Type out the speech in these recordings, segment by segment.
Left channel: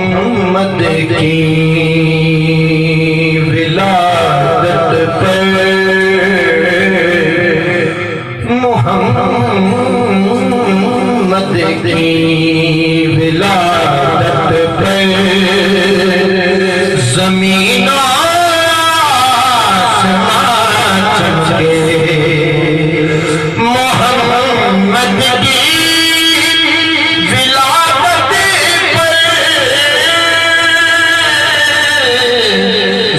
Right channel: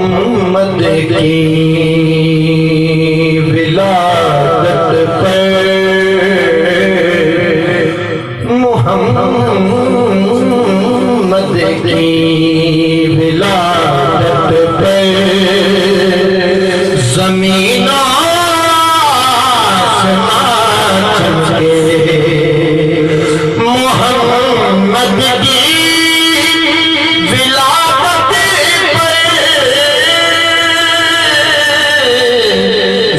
मोहम्मद की विलादत पर, मोहम्मद की विलादत पर ज़मीन आसमान चमके। मोहम्मद की विलादत पर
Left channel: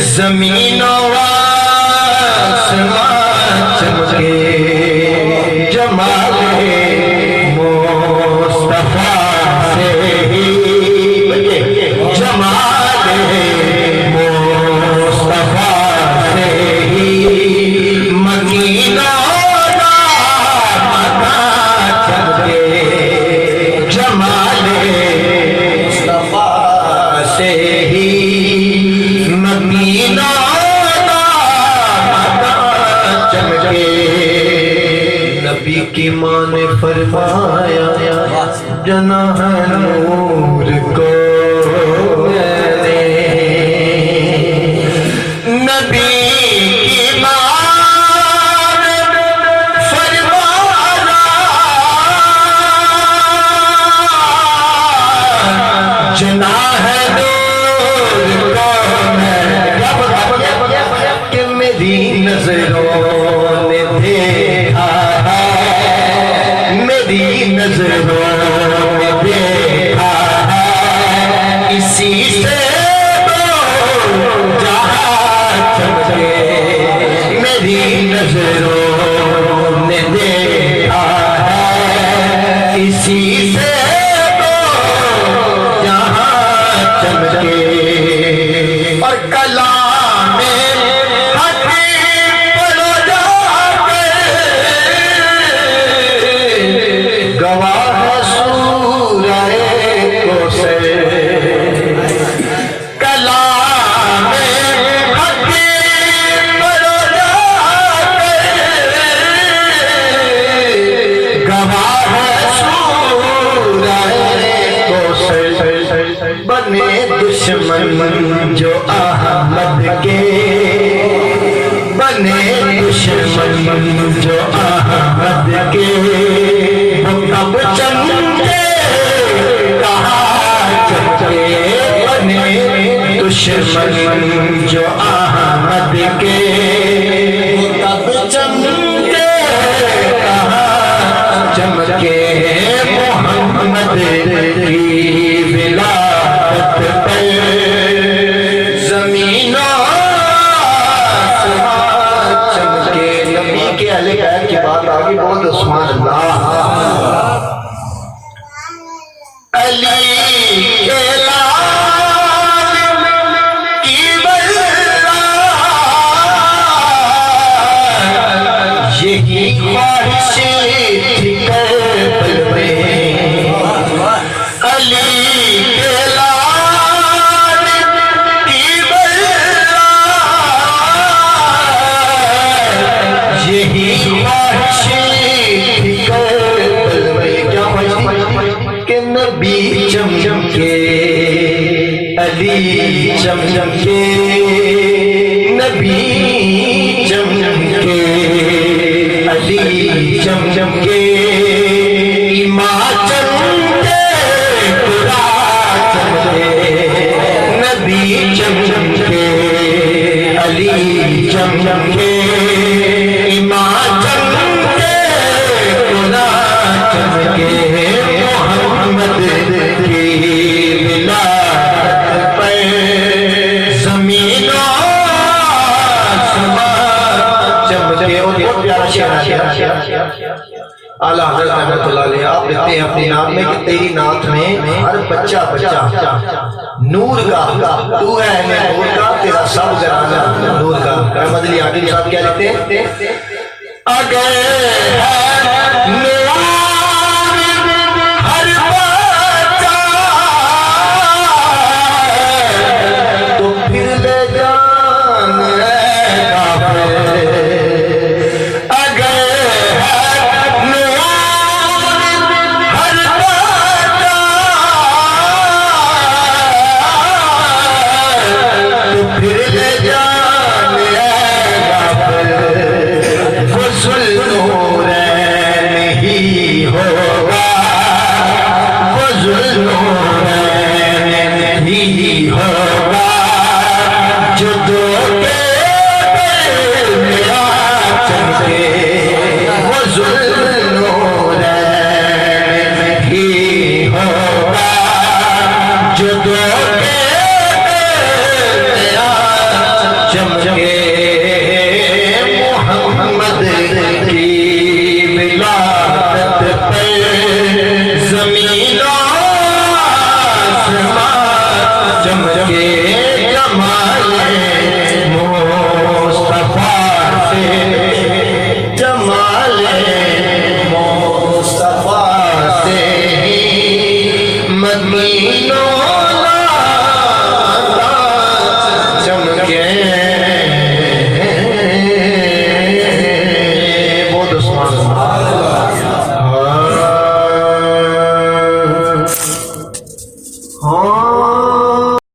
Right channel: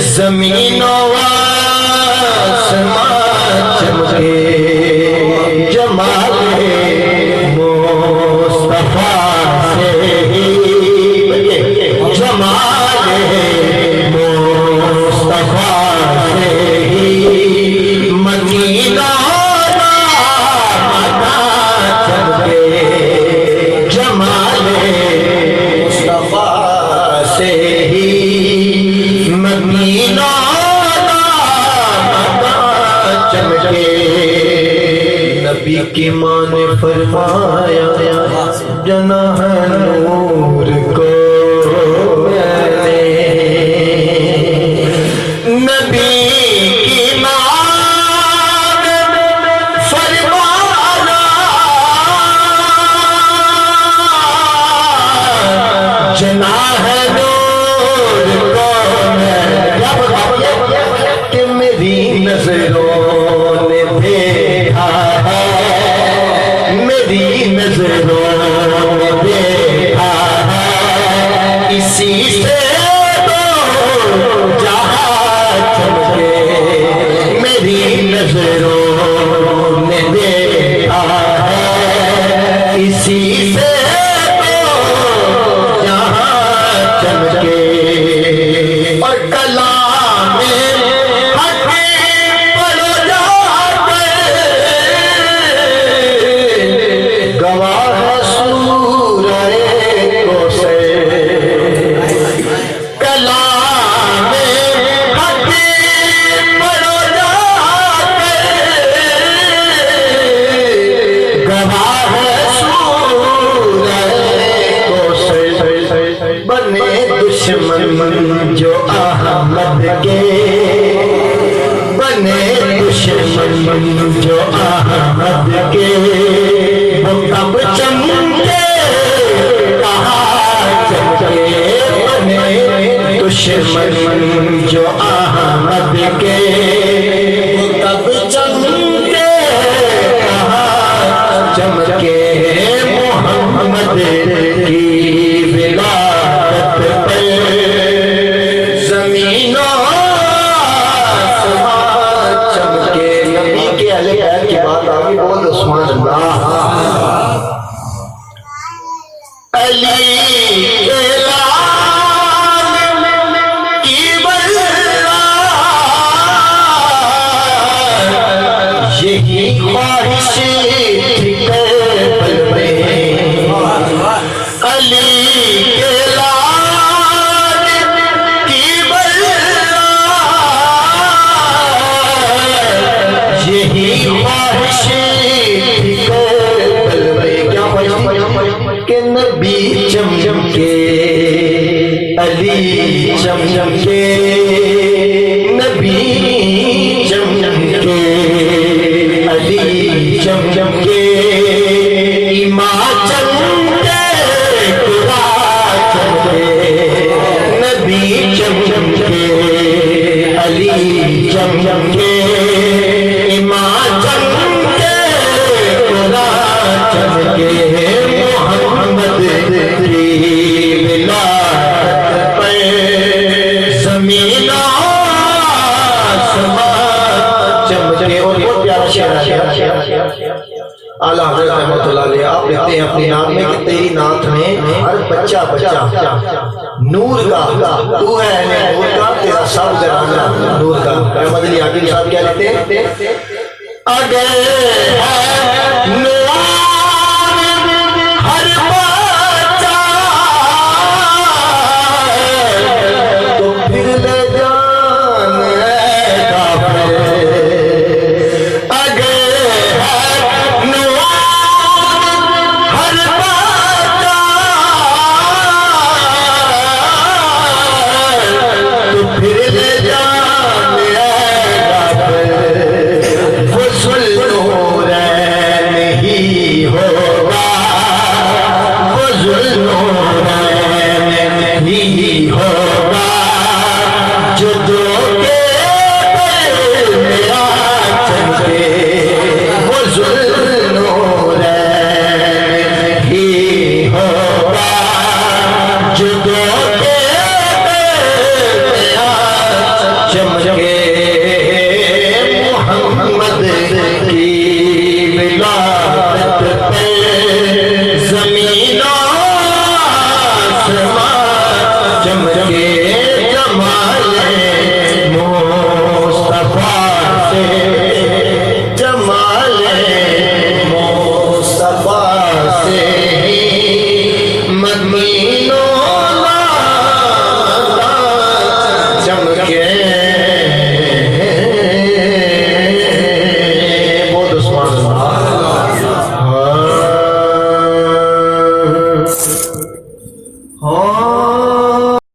ज़मीन आसमान चमके। जमाले मुस्तफा से ही, जमाले मुस्तफा से ही मदीना चमके। जमाले मुस्तफा से ही मदीना चमके। नबी की माँ ने फरमाया जनाह नूर को मैंने, नबी की माँ ने फरमाया जनाह नूर को मैंने, कि मेरी नजरों ने देखा है, मेरी नजरों ने देखा है, इसी से तो जहां चमके। मेरी नजरों ने देखा है, इसी से तो जहां चमके। और कलाम में गवाह सूरह कौसर, कलाम हकीम पढ़ो जाके, गवाह सूरह कौसर। बने दुश्मन जो अहमद के, बने दुश्मन जो अहमद के, वो कब चमके कहाँ चमके। बने दुश्मन जो अहमद के, वो कब चमके कहाँ चमके। मोहम्मद की विलादत पर ज़मीन आसमान चमके। नबी के अहले बैत की बात आगे बोल दो सुभान अल्लाह। अली के लाल की बल्ला, यही ख्वाहिश थी कर्बल में। अली के लाल की बल्ला, यही ख्वाहिश थी कर्बल में। क्या ख्वाहिश के नबी चमचम के, अली चमचम के, नबी चमचम के, अली चमचम के, इमाम चमके, खुदा चमके। नबी चमचम के, अली चमचम के, इमाम चमके, खुदा चमके। मोहम्मद की विलादत पर ज़मीन आसमान चमके। और बहुत प्यारा शेर आला हज़रत रहमतुल्लाह अलैह आप लिखते हैं अपनी नाम में कि तेरी नात में हर बच्चा बच्चा नूर का, तू है नूर का, तेरा सब घराना नूर का। अहमद अली आदिल साहब क्या लिखते हैं, अगर